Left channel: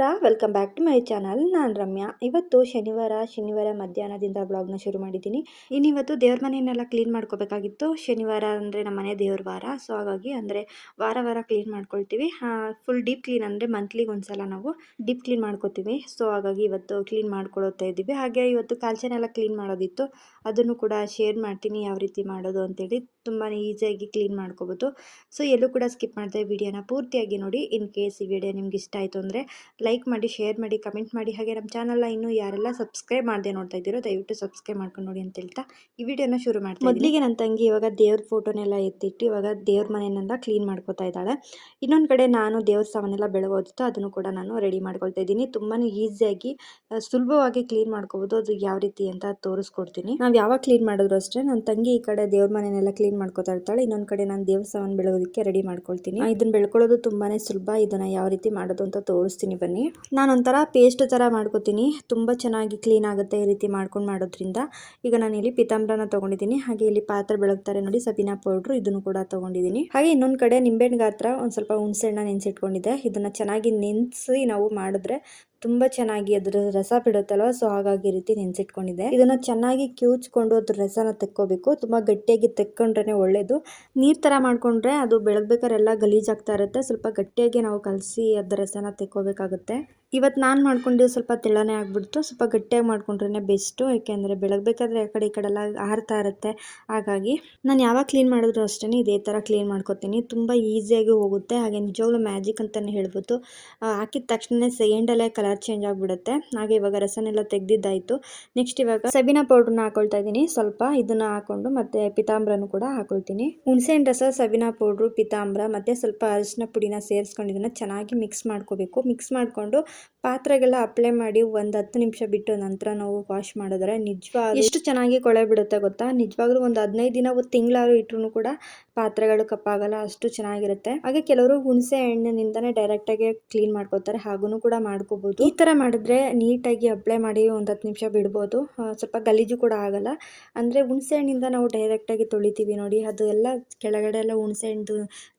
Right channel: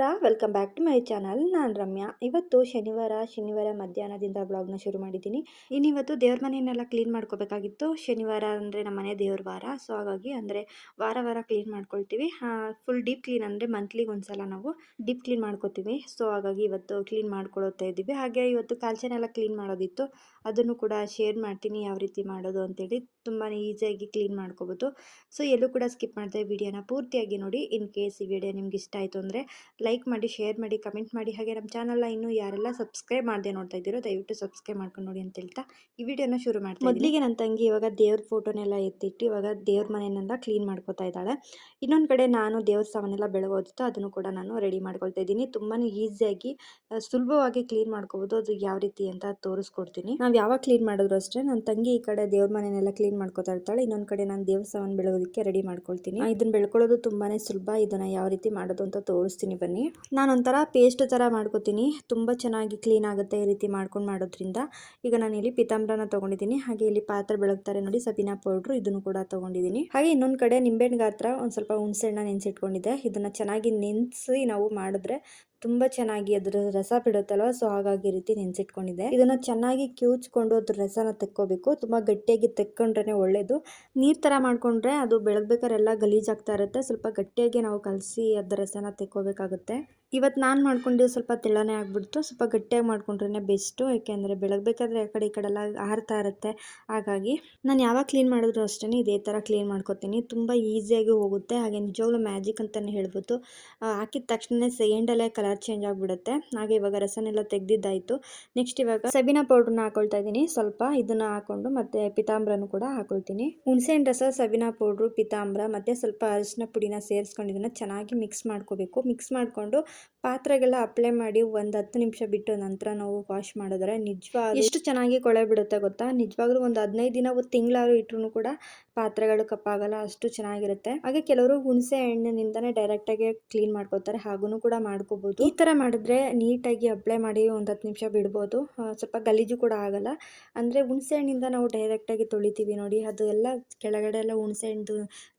ನಮಸ್ಕಾರ, welcome back to my channel. ನಾನು ರಮ್ಯಾ. ಇವತ್ತು ಶನಿವಾರ ಮಧ್ಯಾಹ್ನದಿಂದ ಬ್ಲಾಗ್ನ ಶುರು ಮಾಡಿದ್ದೀನಿ. ಇನ್ನಿವತ್ತು ದೇವ್ರ ಮನೆಯನ್ನೆಲ್ಲ ಕ್ಲೀನ್ ಮಾಡ್ಕೋಬೇಕಾಗಿತ್ತು. ಶನಿವಾರ ಅಂದರೆ ನಮ್ಮ ಮನೆ ದೇವ್ರ ವಾರ. ಸೊ ಹಾಗಾಗಿ ಅಂದರೆ ವಾರ ಕ್ಲೀನ್ ಮಾಡ್ಕೊಳ್ತೀವಿ. ಫುಲ್ ಡೀಪ್ ಕ್ಲೀನ್ ಅಂದರೆ ಮಂತ್ಲಿಗೆ ಒಂದ್ಸಲ ನಾವು ಡೀಪ್ ಕ್ಲೀನ್ ಮಾಡ್ಕೋತೀವಿ. ಸೊ ಹಾಗಾಗಿ ಇವತ್ತು ಕ್ಲೀನ್ ಮಾಡ್ಕೊಳ್ತಾ ಇದ್ದೀವಿ. ಹಾಗೆ ಇವತ್ತು ಕಾಲ್ಚನೆಲ್ಲ ಕ್ಲೀನ್ ಮಾಡೋದಿತ್ತು, ಅದನ್ನು ಕೂಡ ಶೇರ್ ಮಾಡ್ತೀನಿ ಯಾವ ರೀತಿ ಮಾಡೋದು ಅಂತೇಳಿ. ತುಂಬಾ ಈಸಿಯಾಗಿ ಕ್ಲೀನ್ ಮಾಡ್ಕೋಬೋದು. ಸೊ ಎಲ್ಲೂ ಕೂಡ ಸ್ಕಿಪ್ ಮಾಡಿದೆ ವಿಡಿಯೋನ ಪೂರ್ತಿಯಾಗಿ ನೋಡಿ. ಇನ್ ಕೇಸ್ ಈ ವಿಡಿಯೋ ನಿಮ್ಗೆ ಇಷ್ಟ ಆಯಿತು ಅಂದರೆ ಲೈಕ್ ಮಾಡಿ, ಶೇರ್ ಮಾಡಿ, ಕಮೆಂಟ್ ಮಾಡಿ. ಹಾಗೆ ನಮ್ಮ ಚಾನಲ್ನ ಇನ್ನೂ ಯಾರೆಲ್ಲ ಸಬ್ಸ್ಕ್ರೈಬ್ ಮಾಡದೆ ನೋಡ್ತಾ ಇದ್ದೀರೋ ದಯವಿಟ್ಟು ಸಬ್ಸ್ಕ್ರೈಬ್ ಮಾಡ್ಕೊಂಡು ನೋಡಿ ಅಂತ ಹೇಳ್ತಾ ಈ ವಿಡಿಯೋನ ಶುರು ಮಾಡ್ತೀನಿ. ಮೊದಲಿಗೆ ನನ್ನ ತಂಗಿ ಇವಾಗ ದೇವ್ರ ಫೋಟೋನೆಲ್ಲ ಎತ್ತಿಟ್ಟು ಇವಾಗ ದೇವ್ರ ಮನೆಯನ್ನೆಲ್ಲ ಕ್ಲೀನ್ ಮಾಡ್ಕೊತಾ ಇದ್ದಾಳೆ. ಇನ್ನೊಂದು ಕಡೆ ನಾನು ದೇವ್ರ ಸಾಮಾನೆಲ್ಲ ಬೆಳಗೋದಿತ್ತು, ಅದನ್ನು ಕೂಡ ನಾನು ರೆಡಿ ಮಾಡ್ಕೊಳ್ತಾ ಇದ್ದೀನಿ. ತುಂಬಾ ಈಸಿಯಾಗಿ ಸುಲಭವಾಗಿ ಕ್ಲೀನ್ ಮಾಡ್ಕೋಬೋದು. ಅದು ಯಾವ ರೀತಿ ಅಂತ ತೋರಿಸ್ಕೊಡ್ತೀನಿ. ನಾವು ಯಾವಾಗ ಕ್ಲೀನ್ ಮಾಡಿದ್ರು ಅಷ್ಟೇ ನನ್ನ ತಂಗಿ ಈ ಕಡೆ ದೇವ್ರ ಮನೆಯನ್ನೆಲ್ಲ ಕ್ಲೀನ್ ಮಾಡ್ಕೊತಾ ಇರ್ತಾಳೆ, ಇನ್ನೊಂದು ಕಡೆ ನಾನು ದೇವ್ರ ಸಾಮಾನು ಬೆಳಗೋದಕ್ಕೆ ರೆಡಿ ಮಾಡ್ಕೊಳ್ತೀನಿ. ಇದನ್ನ ಬೆಳ್ಕೊಳ್ಳೋದು ತುಂಬಾನೇ ಸುಲಭ. ಇದನ್ನ ಯಾವ ರೀತಿ ಮಾಡೋದು ಅಂತ ತೋರಿಸ್ತೀನಿ ಬನ್ನಿ. ನಾನು ಒಂಥರ ಪೇಸ್ಟ್ ತರ ಮಾಡ್ಕೋತೀನಿ, ತುಂಬಾ ಚೆನ್ನಾಗಿ ಕ್ಲೀನ್ ಆಗುತ್ತೆ ಈ ರೀತಿ ಮಾಡೋದ್ರಿಂದ. ಈಗ ನಾನು ಇಲ್ಲಿ ಪಿತಾಂಬರನ ತಗೊಂಡಿದ್ದೀನಿ. ಹಾಗೆ ಇಲ್ಲಿ ಪಾತ್ರೆ ಬೆಳಗ್ತಾರೆ ನೋಡಿ, ಸಬೀನಾ ಪೌಡ್ರು, ಇದನ್ನು ಕೂಡ ತಗೊಂಡಿದ್ದೀನಿ. ಹಾಗೆ ಇನ್ನೊಂದು ಕಡೆ ನಿಂಬೆಹಣ್ಣು ಗಾತ್ರ ಒಂದು ಸ್ವಲ್ಪ ಹುಣಸೆಹಣ್ಣ ನೆನೆಸಿಟ್ಕೊಂಡಿದ್ದೆ. ಇದನ್ನ ಚೆನ್ನಾಗಿ ನೆನೆಸಿ ನಾವು ಮಾಡಿದ್ರೆ ತುಂಬ ಚೆನ್ನಾಗಿ ಅದ್ರ ರಸ ಬಿಡುತ್ತಲ್ವ. ಸೊ ಹಾಗಾಗಿ ಈ ರೀತಿ ನೆನೆಸಿಟ್ಕೊಂಡಿದ್ದೆ. ಇದನ್ನು ಚೆನ್ನಾಗಿ ಕಿವುಚ್ಕೊಂಡು ಅದ್ರ ರಸನ ತೆಕ್ಕೋಬೇಕು. ತುಂಬ ಗಟ್ಟಿಯಾಗಿ ತೆಕ್ಕೊಂಡ್ರೆ ಒಳ್ಳೇದು. ನೀರು ಥರ ಮಾಡ್ಕೊಂಡ್ರೆ ಅದು ಬೆಳಗ್ಬೇಕಾರೆಲ್ಲ ಗಲೀಜಾಗ್ತಾ ಇರುತ್ತೆ. ಸ್ವಲ್ಪ ಗಟ್ಟಿಯಾಗಿ ನಾವು ಕಲಸಿ ಅದ್ರ ರಸನ ತೆಕ್ಕೋಬೇಕಾಗುತ್ತೆ. ಇವತ್ತು ನಾನು ಮಾಡ್ಕೊಂಡಿದ್ದು ಸ್ವಲ್ಪ ತೆಳ್ಳನೇ ಆಗಿಬಿಡ್ತು. ಸ್ವಲ್ಪ ಗಟ್ಟಿಯಾಗಿ ಮಾಡ್ಕೊಂಡ್ರೆ ಬೆಸ್ಟು, ಯಾಕೆಂದರೆ ಬೆಳಗ್ಬೇಕಾದ್ರೆ ಆ ಕಡೆ ಈ ಕಡೆ ಎಲ್ಲ ಹಾರ್ತಾ ಇರುತ್ತೆ. ಹಾಗಾಗಿ ನಾನು ಯಾವಾಗ ಕ್ಲೀನ್ ಮಾಡಿದ್ರು ಅಷ್ಟೇ ಇದೇ ಥರ ಕ್ಲೀನ್ ಮಾಡ್ಕೊತೀನಿ. ತುಂಬ ಈಸಿಯಾಗಿ ಹೋಗುತ್ತೆ. ಹಾಗೆ ನಿಜವಾಗ್ಲೂ ಮ್ಯಾಜಿಕ್ ಅಂತಲೇ ಹೇಳ್ಬೋದು. ಹಾಕಿದ ತಕ್ಷಣ ಸೆಕೆಂಡಲ್ಲೇ ಕಲರ್ ಚೇಂಜ್ ಆಗಿಬಿಡುತ್ತೆ. ಹಾಗೆ ಇವಾಗ ರಸನೆಲ್ಲ ತೆಗೆದಿದ್ದಾಯಿತು. ನೆಕ್ಸ್ಟ್ ಇವಾಗ ಸಬೀನಾ ಪೌಡ್ರನ್ನ ಹಾಕೊಳ್ತಾ ಇದ್ದೀನಿ. ಸ್ವಲ್ಪ ಇದನ್ನು ಹಾಕ್ಕೊಂಡು ಮತ್ತೆ ಪಿತಾಂಬರನು ಕೂಡ ಹಾಕೊಳ್ತೀನಿ. ಹುಣಸೆಹಣ್ಣು ರಸ, ಸಬೀನಾ ಪೌಡ್ರು, ಪಿತಾಂಬರ ಮತ್ತು ಸ್ವಲ್ಪ ಅರಿಶಿನ ಪುಡಿನ ಸೇರಿಸ್ಕೊಂಡು ಇದನ್ನು ಚೆನ್ನಾಗಿ ಮಿಕ್ಸ್ ಮಾಡ್ಕೋಬೇಕು. ಮಿಕ್ಸ್ ಮಾಡಿಕೊಂಡು ಪಾತ್ರೆಗೆಲ್ಲ ಅಪ್ಲೈ ಮಾಡಿ ಒಂದು 10 ನಿಮಿಷ ಬಿಟ್ಟು ನಂತರ ನಾವು ವಾಶ್ ಮಾಡಿದ್ರೆ ನಿಜವಾಗ್ಲೂ ಎಷ್ಟು ಚೆನ್ನಾಗಿ ಕೊಳೆ ಬಿಡುತ್ತೆ ಗೊತ್ತಾ. ನಿಜವಾಗ್ಲೂ ಒಂದು 15 ದಿನ, ಒಂದು ತಿಂಗಳಾದ್ರು ಇಟ್ಟರು ಕೂಡ ಪಾತ್ರೆಗಳು ಕಪ್ಪಾಗಲ್ಲ, ಅಷ್ಟು ಚೆನ್ನಾಗಿರುತ್ತೆ. ಹಾಗೆ ಕೆಲವರು ಹುಣಸೆ ಹಣ್ಣಿನಿಂದನೇ ಡೈರೆಕ್ಟಾಗಿ ಕ್ಲೀನ್ ಮಾಡ್ಕೋತಾರೆ, ಹಾಗೂ ಕೂಡ ಮಾಡ್ಕೋಬೋದು. ಈ ಥರ ಮಾಡಿದ್ರೆ ನೀಟಾಗಿ ಅಪ್ಲೈ ಮಾಡಿ ಒಂದು 10 ನಿಮಿಷ ಬಿಡ್ಬೋದು. ಸ್ವಲ್ಪ ಗಲೀಜು ಕೂಡ ಆಗಲ್ಲ. ಅಂದರೆ ಹುಣಸೆ ಹಣ್ಣಿಂದ ನಾವು ಡೈರೆಕ್ಟಾಗಿ ತೊಳಿತೀವಿ ನೋಡಿ, ಅದು ಎಲ್ಲ ಕೆಳಗಡೆ ಎಲ್ಲ ಹುಣಸೆ ಹಣ್ಣು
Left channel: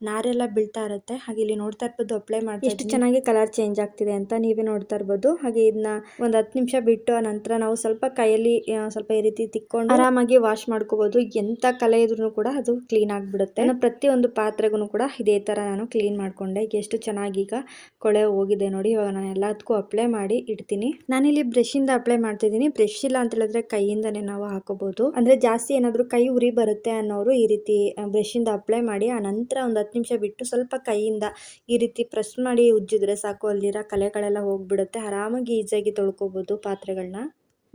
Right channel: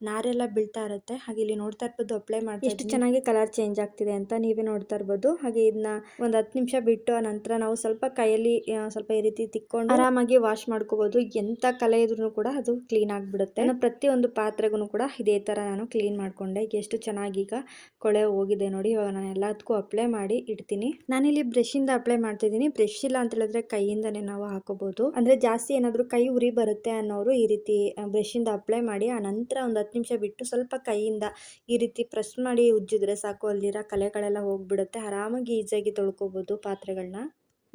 ನಾರೆಲ್ಲ ಬೀಳ್ತಾ ಇರುತ್ತೆ. ಹಾಗೆ ಇಲ್ಲಿ ನೋಡ್ತಾ ಇರ್ಬೋದು ಅಪ್ಲೈ ಮಾಡಿ ಎಷ್ಟು ಚೆನ್ನಾಗಿ ಕಲರ್ ಚೇಂಜ್ ಆಗ್ತಿದೆ ಅಂತ ನೀವೇ ನೋಡ್ತಾ ಇರ್ಬೋದು. ಹಾಗೆ ಇದನ್ನ ಒಂದು 10 ನಿಮಿಷ ಬಿಟ್ಟು ಆ ನಂತರ ನಾವು ಸ್ವಲ್ಪ ಕೈಯಲ್ಲಿ ಸ್ವಲ್ಪ ಈ ರೀತಿ ತಿಕ್ಕೊಂಡು ಆರಾಮಾಗಿ ವಾಶ್ ಮಾಡ್ಕೋಬಹುದು. ಎಂತ ಕಲೆ ಇದ್ರೂ ಕೂಡ ಅದು ಕ್ಲೀನ್ ಆಗಿಬಿಡುತ್ತೆ. ನಾನು ಪ್ರತಿಯೊಂದು ಪಾತ್ರೆಗೂ ಕೂಡ ಇದೇ ತರ ನಾನು ಕ್ಲೀನ್ ಮಾಡ್ಕೊಂಡೆ. ಎಷ್ಟು ಚೆನ್ನಾಗಿ ಈಗ ಕೊಳೆ ಹೋಗಿದೆ ನೋಡಿ. ಇವಾಗ ನಾನು ಎಲ್ಲದಕ್ಕೂ ಅಪ್ಲೈ ಮಾಡಿ ಇಡ್ತೀನಿ. ನಾನಿಲ್ಲಿ ಬ್ರಷ್ ಇಂದ ಅಪ್ಲೈ ಮಾಡ್ತಿದ್ದೀನಿ. ಬ್ರಷ್ ಇಲ್ಲ ಅಂತ ಹೇಳಿದ್ರೆ ಕೈಯಿಂದನೇ ನಾವು ಹಾಕೋಬಹುದು. ಅಂದ್ರೆ ಜಾಸ್ತಿ ಏನಾದ್ರು ಕೈ ಉರಿ ಬರುತ್ತೆ ಅನ್ನೋರು ಈ ರೀತಿ ಬ್ರಷ್ ಇಂದ ಅಪ್ಲೈ ಮಾಡಿ ಆ ನಂತರ ಒಂದು 10 ನಿಮಿಷ ಬಿಟ್ಟು ಸ್ವಲ್ಪ ಕೈಯಿಂದ ಈ ರೀತಿ ಪ್ರೆಸ್ ಮಾಡಿ ಉಜ್ಜಿದ್ರೆ ಸಾಕು, ಅಲ್ಲಿರೋ ಕಲೆಗಳೆಲ್ಲ ಹೋಗ್ಬಿಡುತ್ತೆ. ಆರಾಮಾಗಿ ಈಸಿಯಾಗಿ ತೊಳ್ಕೊಬೋದು ಪಾತ್ರೆಗಳನ್ನ.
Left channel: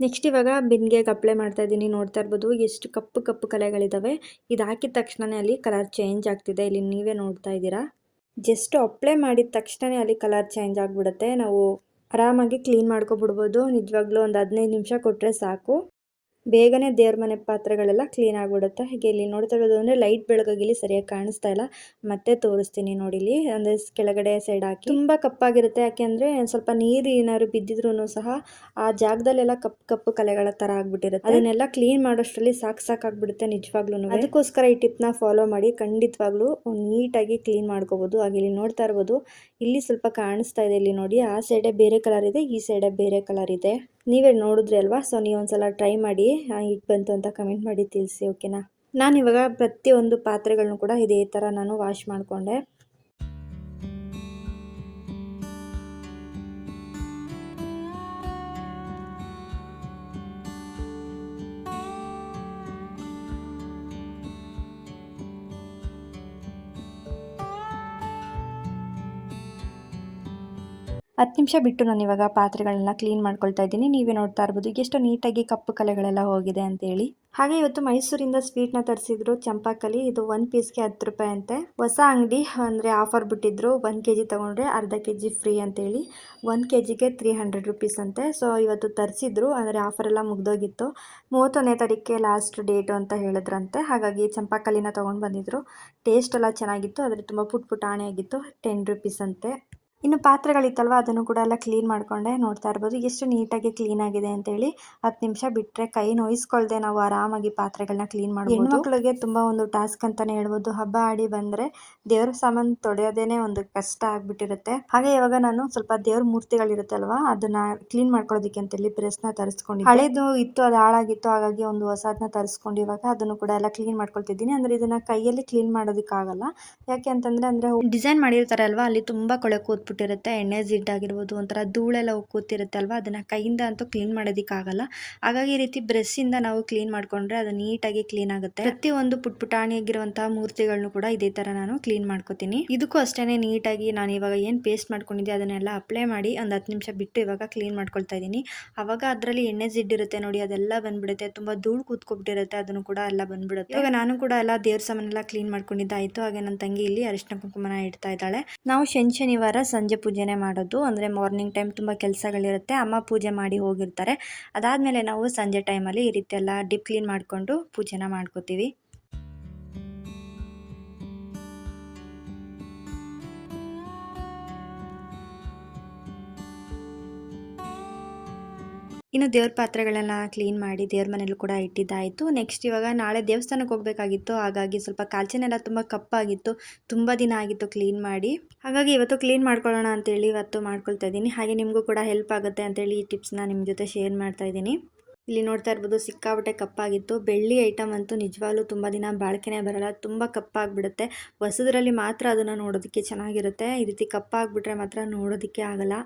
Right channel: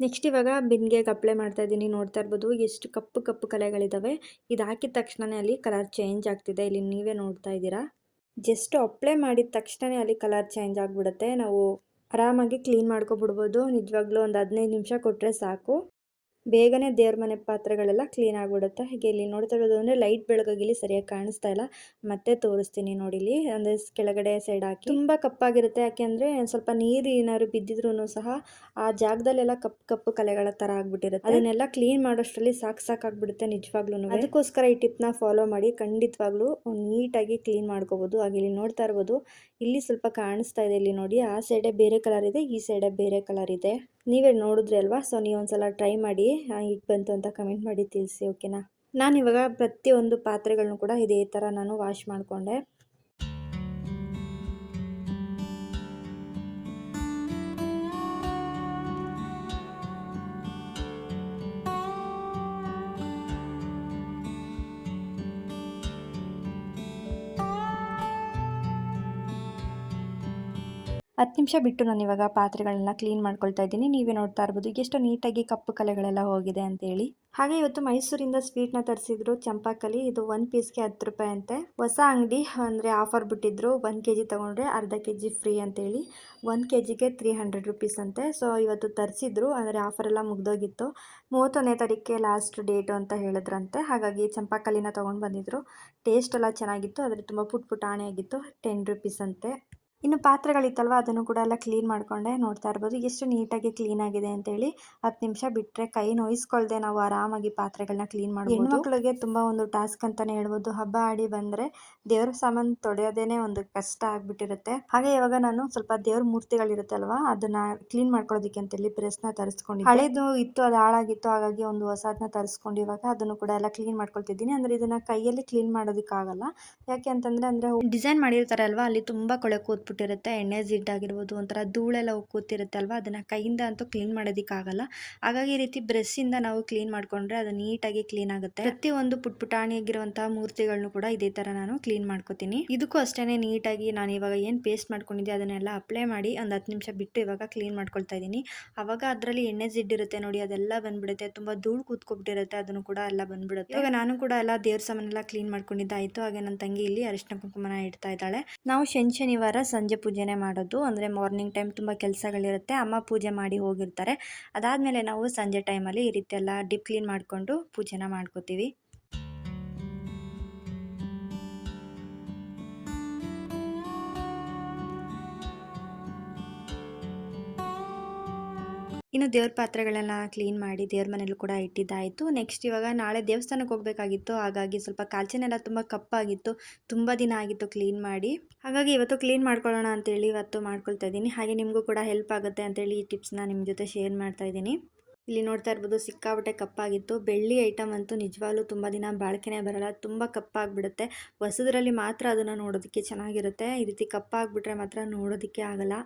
ನೆಕ್ಸ್ಟ್ ಇವಾಗ ಬಿನ್ಗೆಗೆ ಅಪ್ಲೈ ಮಾಡ್ತಾ ಇದ್ದೀನಿ. ನೋಡ್ತಾ ಇರ್ಬೋದು ಎಷ್ಟು ಕಪ್ಪು ಕಲೆಗಳಿದಾವೆ. ಇದು ಹಾಕಿದ ತಕ್ಷಣನೇ ಅಲ್ಲಿ ಕಲರ್ ಚೇಂಜ್ ಆಗ್ತಿದೆ. ಇಲ್ಲಿ ನೀವೇ ನೋಡ್ತಾ ಇದ್ದೀರಾ. ಜಸ್ಟ್ ಅಪ್ಲೈ ಮಾಡಿದ ತಕ್ಷಣ ಅಲ್ಲಿ ಕಲರ್ ಚೇಂಜ್ ಆಗಿಬಿಡುತ್ತೆ. ನಾವು ಆರಾಮಾಗಿ ಕ್ಲೀನ್ ಮಾಡ್ಕೊಬಿಡ್ಬೋದು. ನಿಜವಾಗ್ಲೂ ಒಂದು 15 ನಿಮಿಷ ಕೊಟ್ಟರೆ ಸಾಕು, ಬೇಗನೆ ದೇವ್ರ ಮನೆ ಪಾತ್ರೆಗಳೆಲ್ಲ ಕ್ಲೀನ್ ಆಗಿಬಿಡುತ್ತೆ. ಹೀಗೆ ಇಲ್ಲಿ ನೋಡ್ತಾ ಇರೋದು ಅಂದರೆ ಲೈಟ್ ಬೆಳಗಾಗಿ ಇಲ್ಲಿ ಸರಿಯಾಗಿ ಕಾಣಿಸ್ತಾ ಇಲ್ಲ, ಮತ್ತೆ ತೋರಿಸ್ತೀನಿ ನೋಡಿ. ಇಲ್ಲಿ ಅಂದರೆ ಕೆಳಗಡೆ ಸೈಡ್ ಹಾಕಿ ತುಂಬ ಕಪ್ಪಾಗಿರುತ್ತೆ. ಯಾಕೆಂದರೆ ಸ್ವಲ್ಪ ನೀರು ಏನಾದ್ರು ಬಿದ್ದಿದ್ರು ಸಹ ಆ ಜಾಗದಲ್ಲೆಲ್ಲ ಕಪ್ಪು ಕಲೆಗಳ ಥರ ಆಗಿಬಿಟ್ಟಿರುತ್ತೆ. ಅದನ್ನೆಲ್ಲ ಕ್ಲೀನ್ ಮಾಡೋಷ್ಟರಲ್ಲಿ ಸಾಕಾಗ್ಬಿಡುತ್ತೆ ನಿಜವಾಗ್ಲೂ. ಅದಕ್ಕೋಸ್ಕರ ಈ ಟಿಪ್ನ ಫಾಲೋ ಮಾಡಿ ಖಂಡಿತವಾಗ್ಲೂ ನೀಟಾಗಿ ಕ್ಲೀನ್ ಮಾಡ್ಕೋಬೋದು. ಹಾಗೆ ಇಲ್ಲಿ ನೋಡ್ತಾ ಇರ್ಬೋದು, ಇಲ್ಲಿ ಸ್ವಲ್ಪ ಕಾಣಿಸ್ತಾ ಇದೆ. ಇಲ್ಲಿ ನೋಡಿ, ಆ ಸೈಡೇ ಬೇರೆ ಕಲರ್ ಇದೆ, ಈ ಸೈಡೇ ಬೇರೆ ಕಲರ್ ಇದೆ. ನೀವೇ ನೋಡಿದ್ರಿ ಅಲ್ವಾ. ಸೊ ನೀವು ಒಂದ್ಸಲ ಟ್ರೈ ಮಾಡಿ ಈಗ ಬಂತು ಅಂತ ಕಮೆಂಟ್ ಮಾಡಿ ತಿಳಿಸಿ, ಓಕೆನಾ. ನಾನಿವಾಗ ಪ್ರತಿಯೊಂದು ಪಾತ್ರೆಗಳನ್ನು ಕೂಡ ಇದೇ ಥರ ನಾನು ವಾಶ್ ಮಾಡಿಕೊಂಡೆ. ಹತ್ತು ನಿಮಿಷ ಬಿಟ್ಟು ನಾನು ಇವಾಗ ಪಾತ್ರೆಗಳನ್ನ ಕ್ಲೀನ್ ಮಾಡ್ಕೊಳ್ತಾ ಇದ್ದೀನಿ. ನೀವೇ ನೋಡ್ತಾ ಇರ್ಬೋದು ಎಷ್ಟು ನೀಟಾಗಿ ಕಪ್ಪು ಕಲೆಗಳೆಲ್ಲ ಹೋಗಿದೆ ಅಂತೇಳಿ. ಹಾಗೆ ಇವತ್ತು ಮೈಸೂರಿಂದ ಸ್ವೀಟ್ನ ತರಿಸಿದ್ರು, ಚಂಪಾಕಲಿ. ಇದು 1 ಪೀಸ್ಗೆ 10 ರೂಪಾಯಿ ಅಂತೆ. ಹೊಸ ಅಂಗಡಿ ಅಂದರೆ ಆಫರ್ ಬಿಟ್ಟಿದ್ರು. 1 kg ತೊಗೊಂಡ್ರೆ ಅರ್ಧ kg ಫ್ರೀ ಅಂತೇಳಿ 1 kgಗೆ 300 ರೂಪೀಸ್ ಅಂತೆ. ಸೊ ಇವತ್ತು ತರಿಸಿದ್ರು, ಅಂದರೆ ಆಫರ್ ಎಲ್ಲ ಮುಗ್ದೋಗಿತ್ತು. 31ನೇ ತಾರೀಕಿಗೆ ಲಾಸ್ಟ್ ಡೇಟು ಅಂತ ಹೇಳಿದ್ರಂತೆ. ಹಾಗಾಗಿ ಚಂಪಾಕಲಿನ ತೊಗೊಂಡು ಬಂದಿದ್ರು. ಟೇಸ್ಟ್ ಎಲ್ಲ ಚೆನ್ನಾಗಿತ್ತು, ಆದರೆ ತುಂಬ ಪುಟಾಣಿ ಆಗಿತ್ತು. 10 ರೂಪೀಸ್ ಅಂತೆ. ಇನ್ನು ಪಾತ್ರೆಗಳಿತ್ತಲ್ವ ಅದನ್ನು ಕೂಡ ಎಲ್ಲ ಕ್ಲೀನ್ ಮಾಡಿಕೊಂಡೆ. ನೋಡ್ತಾ ಇರ್ಬೋದು ಎಷ್ಟು ನೀಟಾಗಿ ಕ್ಲೀನ್ ಆಗಿದೆ ಅಂತೇಳಿ. 10 ನಿಮಿಷ ಬಿಟ್ಟರೆ ಕೈ ನೋಯಿಸ್ಕೊಳ್ದೆ ನಾವು ಆರಾಮಾಗಿ ಪಾತ್ರೆಗಳನ್ನ ಕ್ಲೀನ್ ಮಾಡ್ಬೋದು. ಹೆಣ್ಮಕ್ಳಿಗೆ ತುಂಬ ಒಂದು ಟಾಸ್ಕ್ ಅಂತಲೇ ಹೇಳ್ಬೋದು. ಹಬ್ಬ ಆಡಿ ಬಂದರೆ ದೇವ್ರ ಸಾಮಾನು ತೊಳೆಯೋದೇನೆ ಒಂದು ಕಷ್ಟ ಆಗಿಬಿಟ್ಟಿರುತ್ತೆ. ಹಾಗೆ ಇವಾಗ ನಾನು ಸ್ವಲ್ಪ ದೇವ್ರ ಮೂರ್ತಿಗಳಿರುತ್ತಲ್ವ ಅದನ್ನು ಕ್ಲೀನ್ ಮಾಡ್ಕೊಳ್ಳೋದಕ್ಕೆ ಅಂತೇಳಿ ಪ್ರೆಸ್ನ ತರಿಸ್ಕೊಂಡಿದ್ದೆ. ಹಳೇದು ಇತ್ತು, ಅದು ಹಾಳಾಗಿತ್ತು, ಹಾಗಾಗಿ ಒಂದು ಹೊಸದನ್ನ ತರಿಸ್ಕೊಂಡು ಇವಾಗ ಅದನ್ನು ಕೂಡ ಎಲ್ಲ ಕ್ಲೀನ್ ಮಾಡ್ಕೊಳ್ತಿದ್ದೀನಿ. ಅಂದರೆ ಇದನ್ನು ಕೈಯಲ್ಲಿ ಕ್ಲೀನ್ ಮಾಡೋದಕ್ಕಾಗಲ್ಲ. ಯಾಕೆ ಅಂತಂದರೆ ಡಿಸೈನ್ ಮಾಡಿರ್ತಾರೆ ಅಲ್ವಾ, ಅಲ್ಲಿ ತುಂಬ ಕೊಳೆ ಕೂತ್ಬಿಟ್ಟಿರುತ್ತೆ. ಎಣ್ಣೆ ಜಿಡ್ಡಾಗಿರ್ಬೋದು, ಒಂಥರ ಧೂಳೆಲ್ಲ ಕೂತಿರುತ್ತೆ ಅಲ್ವಾ, ಅದನ್ನು ಕೈಯಿಂದ ಅಂತೂ ಕ್ಲೀನ್ ಮಾಡೋದಕ್ಕಾಗಲ್ಲ. ಹಾಗಾಗಿ ಈ ರೀತಿ ಬ್ರಷ್ಷಿಂದ ನಾವು ಕ್ಲೀನ್ ಮಾಡಿಕೊಂಡ್ರೆ ಅದು ನೀಟಾಗಿ ಕ್ಲೀನ್ ಆಗುತ್ತೆ. ಪ್ರತಿಯೊಂದು ಪುಟಾಣಿಯಾಗಿರುವಂತಹ ಮೂರ್ತಿಗಳನ್ನು ಕೂಡ ಇದೇ ಥರ ನಾನು ಕ್ಲೀನ್ ಮಾಡ್ಕೋತೀನಿ. ಇದಕ್ಕೂ ಅಷ್ಟೇ ನೀಟಾಗಿ ನಾನು ಇವಾಗ ಏನು ಪೇಸ್ಟ್ ಮಾಡ್ಕೊಂಡಿದ್ದೆ ಅದನ್ನೆಲ್ಲ ಅಪ್ಲೈ ಮಾಡಿ ಒಂದು 10 ನಿಮಿಷ ಬಿಟ್ಟು ಇವಾಗ ಕ್ಲೀನ್ ಮಾಡ್ಕೊಳ್ತಾ ಇದ್ದೀನಿ. ಆವಾಗ ಅದರಲ್ಲಿ ಎಣ್ಣೆ ಜಿಡ್ಡಿರುತ್ತೆ ನೋಡಿ, ಅದೆಲ್ಲ ಬಂದ್ಬಿಡುತ್ತೆ. ತುಂಬ ಧೂಳು ಕೂತ್ಕೊಬಿಟ್ಟಿರುತ್ತೆ, ಅದನ್ನು ಕೂಡ ಎಲ್ಲ ಬಂದ್ಬಿಡುತ್ತೆ. ಇವಾಗ ನಾನು ಕೂಡ ಎಲ್ಲ ದೇವ್ರ ಸಾಮಾನೆಲ್ಲ ಕ್ಲೀನ್ ಮಾಡ್ಕೊಂಡಿದ್ದಾಯಿತು. ಹಾಗೆ ನನ್ನ ತಂಗಿ ಇಲ್ಲಿ ಅರಿಶಿನ ಕುಂಕುಮನ ಇಡ್ತಾ ಇದ್ದಾಳೆ. ನಾವು ಶನಿವಾರ ಸಂಜೆ ಪೂಜೆನೇ ಮಾಡೋದು. ಅಂದರೆ ಮಾರ್ನಿಂಗ್ ಟೈಮ್ ತುಂಬ ಕೆಲಸಗಳಿರುತ್ತೆ, ಅಮ್ಮ ಪೂಜೆ ಮಾಡಿ ಹೋಗಿರ್ತಾರೆ. ಅದಾದಮೇಲೆ ನಾವು ಸಂಜೆ ಟೈಮಲ್ಲಿ ಈ ರೀತಿ ಎಲ್ಲ ಡೀಪ್ ಕ್ಲೀನ್ ಮಾಡಿಕೊಂಡು ಪೂಜೆನ ಮಾಡ್ಕೋತೀವಿ. ಇನ್ನು ದೇವ್ರ ಪಾತ್ರೆಗಳೆಲ್ಲ ಕ್ಲೀನ್ ಮಾಡಿ ದೇವ್ರ ಮನೇಲೂ ಕೂಡ ಇಟ್ಟಿದ್ದಾಯಿತು. ನೆಕ್ಸ್ಟ್ ಇವಾಗ ನಾಳೆ ದೇವಸ್ಥಾನಕ್ಕೆ ಹೋಗಬೇಕಾಗಿತ್ತು. ಹಾಗಾಗಿ ಸ್ವಲ್ಪ ಕಾಲ್ಚನೆಲ್ಲ ತುಂಬ ಕಪ್ಪಾಗಿತ್ತು, ತುಂಬ ದಿನ ಆಗಿತ್ತು ಕ್ಲೀನ್ ಮಾಡಿ. ಹಾಗಾಗಿ ಇವತ್ತು ಕ್ಲೀನ್ ಮಾಡ್ಕೊಳ್ಳೋಣ ಅಂತೇಳಿ ಇವತ್ತು ಮಾಡ್ಕೊಳ್ತಾ ಇದ್ದೀನಿ. ಹಾಗೆ ನಿಮಗೂ ಕೂಡ ಹೆಲ್ಪ್ ಆಗುತ್ತೆ ಅಂತೇಳಿ ಈ ಟಿಪ್ಸ್ನ ನಿಮ್ಮ ಜೊತೆ ಶೇರ್ ಮಾಡ್ತಾ ಇದ್ದೀನಿ. ಇಲ್ಲಿ ನೋಡ್ತಾ ಇರ್ಬೋದು ಸಿಕ್ಕಾಪಟ್ಟೆ ಕಪ್ಪಾಗಿತ್ತು. ಬೆಳ್ಳಿ ಐಟಮ್ ಅಂತೂ ನಿಜವಾಗ್ಲೂ ತುಂಬ ದಿನ ಬಾಳಿಕೆನೇ ಬರಲ್ಲ, ತುಂಬ ಕಪ್ಪಾಗಿಬಿಡುತ್ತೆ. ಹೊಸದ್ರಲ್ಲಿ ಮಾತ್ರ ಅದನ್ನು ನೋಡೋದಕ್ಕೆ ಚೆನ್ನಾಗಿರುತ್ತೆ. ಈ ರೀತಿ ಕಪ್ಪಾಗಿಬಿಟ್ರೆ ಮಾತ್ರ ನೋಡೋದಕ್ಕೆ ಆಗಲ್ಲ,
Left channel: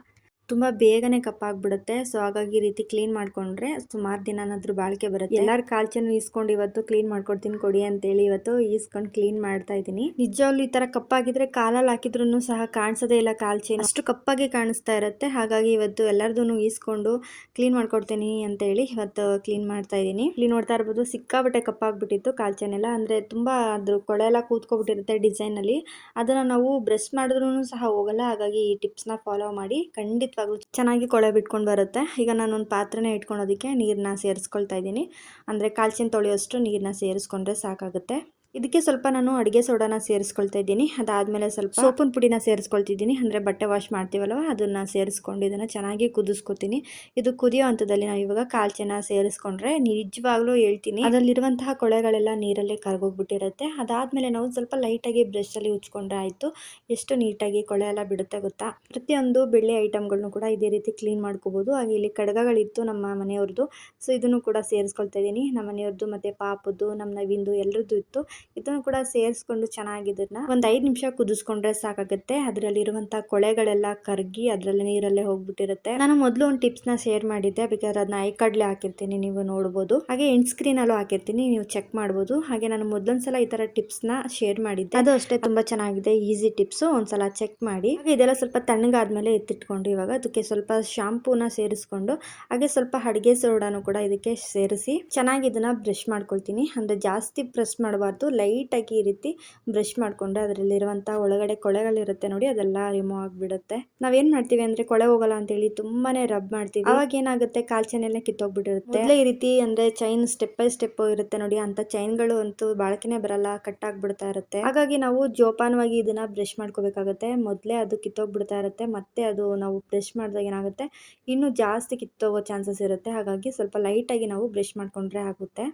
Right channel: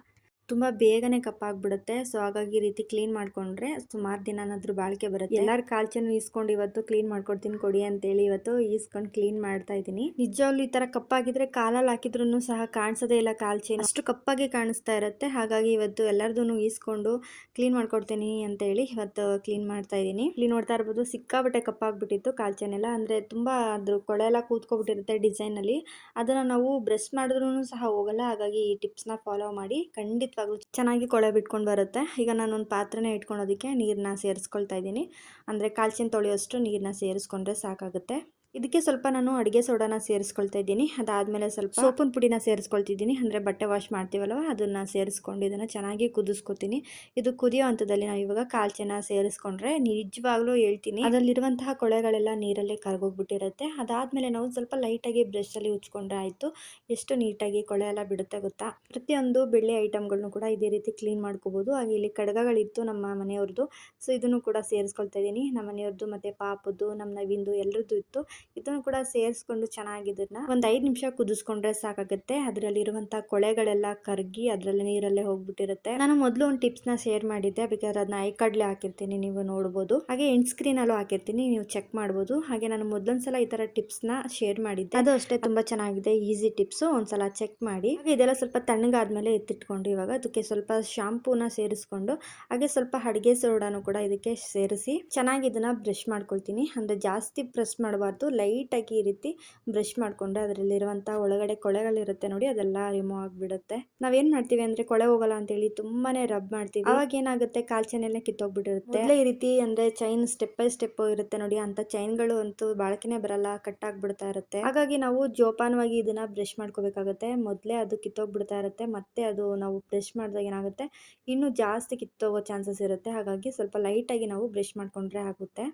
ತುಂಬ ಬೇಗನೆ ಕಪ್ಪಾಗ್ಬಿಡುತ್ತೆ. ಸೊ ಹಾಗಾಗಿ ಈ ರೀತಿ ಕ್ಲೀನ್ ಮಾಡಿಕೊಂಡ್ರೆ ಸುಮಾರು ದಿನನಾದ್ರೂ ಬಾಳಿಕೆ ಬರುತ್ತೆ. ಎಲ್ಲರ ಕಾಲ್ಚೆನೂ ಈಸ್ಕೊಂಡು ಇವತ್ತು ಕ್ಲೀನ್ ಮಾಡ್ಕೊಡ್ತೀನಿ ಕೊಡಿ ಅಂತೇಳಿ ಇವತ್ತು ಈಸ್ಕೊಂಡು ಕ್ಲೀನ್ ಮಾಡ್ತಾ ಇದ್ದೀನಿ. ನಿಜವಾಗ್ಲೂ ಈ ಥರ ಕಪ್ಪಾಗಿದ್ರೆ ಕಾಲಲ್ಲಿ ಹಾಕಿದ್ರೂ ಸಹ ಕಾಣಿಸೋದೇ ಇಲ್ಲ ಕಾಲ್ಚೆನು, ಅಷ್ಟು ಕಪ್ಪಾಗಿ ಕಾಣಿಸ್ತಾ ಇರುತ್ತೆ. ಹಾಗಾಗಿ ಇವತ್ತು ಎಲ್ಲರದೂ ಈಸ್ಕೊಂಡು ಕ್ಲೀನ್ ಮಾಡ್ಕೊಡ್ತೀನಿ ಅಂತೇಳಿ ಇವತ್ತು ಕ್ಲೀನ್ ಮಾಡ್ತಾ ಇದ್ದೀನಿ. ಇಲ್ಲಿ ನೋಡ್ತಾ ಇರ್ಬೋದು ಸಿಕ್ಕಾಬಟ್ಟೆ ಕಪ್ಪಾಗ್ಬಿಟ್ಟಿತ್ತು ಕಾಲ್ಚೆನೆಲ್ಲ. ಅಂದರೆ ತುಂಬ ಅದ್ರ ಕೊಳೆ ಎಲ್ಲ ಕೂತ್ಕೊಬಿಟ್ಟಿರುತ್ತೆ ಡಿಸೈನಲ್ಲಿ. ಅದನ್ನು ನಾವು ಬ್ರಷ್ ಮಾಡಿದ್ರೂ ಸಹ ಹೋಗಲ್ಲ. ಹಾಗಾಗಿ ಈ ಟಿಪ್ಸ್ನ ಫಾಲೋ ಮಾಡಿ ಖಂಡಿತವಾಗ್ಲೂ ಚೆನ್ನಾಗಿ ಕೊಳೆ ಬಿಟ್ಕೊಂಡು ಬರುತ್ತೆ. ಈಗ ನಾನೊಂದು ಪಾತ್ರೆನ ಇಟ್ಕೊಳೋದಕ್ಕೆ ನೀರನ್ನ ಸೇರಿಸ್ಕೊಳ್ತಾ ಇದ್ದೀನಿ. ಅಂದರೆ ಕಾಲ್ಚಿನ ತೊಳೆಯೋಷ್ಟು ನೀರನ್ನ ಸೇರಿಸ್ಕೊಂಡ್ರೆ ಸಾಕಾಗುತ್ತೆ. ಇದಕ್ಕೆ ಸ್ವಲ್ಪ ನಾನು ಅಡುಗೆ ಸೋಡಾನ ಸೇರಿಸ್ಕೊಳ್ತಾ ಇದ್ದೀನಿ. ಅದಾದಮೇಲೆ ಸ್ವಲ್ಪ ಸೋಪಿನ ಪುಡಿನ ಸೇರಿಸ್ಕೊಳ್ತಿದ್ದೀನಿ. ಅಂದರೆ ಬಟ್ಟೆ ವಾಶ್ ಮಾಡ್ತೀವಲ್ವ ಅದನ್ನು ಸೇರಿಸ್ಕೊಂಡು ಇದನ್ನು ಚೆನ್ನಾಗಿ ಕುದಿಸ್ಕೊತೀನಿ. ಇದು ಕುದಿಯೋ ಹಂತದಲ್ಲಿ ನಾವು ಇವಾಗ ಕಾಲ್ಚೆನ ಸೇರಿಸ್ಕೊಂಡ್ರೆ ನಿಜವಾಗ್ಲೂ ಹೇಳ್ತೀನಿ ಅದರಲ್ಲಿರುವಂತಹ ಕೊಳೆಗಳೆಲ್ಲ ನೀರಲ್ಲೇ ಕರಗೋಗ್ಬಿಟ್ಟಿರುತ್ತೆ. ಅದಾದಮೇಲೆ ನಾವು ಸ್ವಲ್ಪ ಲೈಟಾಗಿ ಬ್ರಷಲ್ಲಿ ಉಜ್ಕೊಂಡ್ರೆ ಆಯಿತು. ಎಷ್ಟು ನೀಟಾಗಿ ಕೊಳೆ ಎಲ್ಲ ಬಿಡುತ್ತೆ ಗೊತ್ತಾ. ಪ್ರತಿಯೊಂದು ಬೆಳ್ಳಿ ಐಟಮ್ಗಳನ್ನು ಕೂಡ ಇದೇ ರೀತಿ ಕ್ಲೀನ್ ಮಾಡ್ಕೋಬೋದು. ಹಾಗೆ ಇಲ್ಲಿ ಕಡಗಗಳಿತ್ತು ನಮ್ಮ ಮನೆಯವ್ರದ್ದು, ಸೊ ಇದನ್ನು ಕೂಡ ಸೇರಿಸ್ಕೊಳ್ತಾ ಇದ್ದೀನಿ. ನಮ್ಮ ಮನೆಯವ್ರದ್ದು ಮತ್ತು ಪಾಪದ್ದು, ನಮ್ಮ ನವಿಂದು ಎಲ್ಲರದ್ದು ಇತ್ತು. ಇದನ್ನು ಕೂಡ ಸೇರಿಸ್ಕೊಂಡು ಚೆನ್ನಾಗಿ ಇದನ್ನ ಒಂದು 5 ನಿಮಿಷ ಕುದಿಸ್ಕೊಂಡ್ರೆ ಸಾಕಾಗುತ್ತೆ. ಅದರಲ್ಲಿರುವಂಥ ಕೊಳೆಗಳೆಲ್ಲ ಕರಗಿ ಅದರಲ್ಲಿ ನೀರಲ್ಲೇ ಹೋಗ್ಬಿಟ್ಟಿರುತ್ತೆ. ನಾನು ಮೊದಲು ಒಂದು ಟಿಪ್ಸ್ನ ಶೇರ್ ಮಾಡಿದ್ದೆ, ಬೇಕಾದ್ರೆ ಅದನ್ನ ಐಕಾರ್ಡ್ಲಿ ಹಾಕಿರ್ತೀನಿ, ನೀವು ನೋಡ್ಬೋದು. ಹಾಗೆ ಎಂಡ್ ಸ್ಕ್ರೀನಲ್ಲೂ ಹಾಕಿರ್ತೀನಿ, ನೀವು ಚೆಕ್ ಮಾಡ್ಬೋದು. ಹಾಗೆ ನಾನು ಮೊದಲೊಂದ್ಸಲ ಈ ಥರ ಟಿಪ್ಸ್ನ ಶೇರ್ ಮಾಡಿದ್ದೆ, ಅದು ಅಷ್ಟೇ ತುಂಬ ಚೆನ್ನಾಗಿದೆ, ಈಸಿ ಟಿಪ್ಸು, ಒಂದ್ಸಲ ಚೆಕ್ ಮಾಡಿ. ಹಾಗೆ ಇದೆಲ್ಲ ಸ್ವಲ್ಪ ತಣ್ಣಗಾದ್ಮೇಲೆ ಎತ್ತಿಟ್ಕೊಂಡು ಇವಾಗ ಅದಕ್ಕೆ ಸ್ವಲ್ಪ ಶಾಂಪೂನ ಸೇರಿಸ್ಕೊಂಡು ಹಾಗೆ ಸ್ವಲ್ಪ ಅಡುಗೆ ಸೋಡಾನು ಕೂಡ ಇದಕ್ಕೆ ಸೇರಿಸಿ ಚೆನ್ನಾಗಿ ಇದನ್ನ ಬ್ರಷ್ ಮಾಡ್ಕೊಳ್ತೀನಿ. ಅಂದರೆ ಜಾಸ್ತಿ ಬ್ರಷ್ ಮಾಡಬಾರ್ದು, ಲೈಟಾಗಿ ಈ ರೀತಿ ಬ್ರಷ್ ಮಾಡಿಕೊಂಡ್ರೆ ಅದರಲ್ಲಿರುವಂಥ ಒಳಗಡೆ ಕೊಳೆಗಳಿರುತ್ತೆ ನೋಡಿ, ಅದೆಲ್ಲ ರಿಮೂವ್ ಆಗಿಬಿಡುತ್ತೆ. ನಾವೇನು ಮಾಡ್ತೀವಿ ಅಂದರೆ ಕೊಳೆ ಹೋಗಲ್ಲ ಅಂತೇಳಿ ತುಂಬಾ ರಬ್ ಮಾಡ್ತೀವಿ. ಅವಾಗ ಏನಾಗುತ್ತೆ ಕಾಲ್ಚೆನೆಲ್ಲ ಕಿತ್ತೋಗ್ಬಿಟ್ಟಿರುತ್ತೆ. ಈ ರೀತಿ ಅಂದರೆ ಚೈನ್ ಸ್ಟೆಪ್ ಬೈ ಸ್ಟೆಪ್ ಇರುತ್ತೆ ನೋಡಿ, ಅಂಥ ಚೈನ್ಗಳು ಅಂತೂ ಬಾಳಕೆನೇ ಬರಲ್ಲ, ಕಟ್ ಆಗಿಬಿಡ್ತಾ ಇರುತ್ತೆ. ಹಾಗಾಗಿ ನಾವು ಜೋಪಾನವಾಗಿ ಇದನ್ನು ಬ್ರಷ್ ಮಾಡ್ಕೋಬೇಕಾಗುತ್ತೆ. ಮೊದಲೇ ಅದು ಕಿತ್ತೋಗ್ಬಿಡ್ತಾ ಇರುತ್ತೆ, ಮತ್ತೆ ಅದು ನಾವು ಬ್ರಷ್ ಮಾಡಿದಾಗ ಏನಾಗುತ್ತೆ ಇನ್ನೂ ಜಾಸ್ತಿ ಕಿತ್ತೋಗೋ ಚಾನ್ಸಸ್ ಇರುತ್ತೆ. ಹಾಗಾಗಿ ಸ್ವಲ್ಪ ಲೈಟಾಗಿ ನಾವು ಬ್ರಷ್ ಮಾಡಿಕೊಂಡ್ರೆ ಆಗುತ್ತೆ.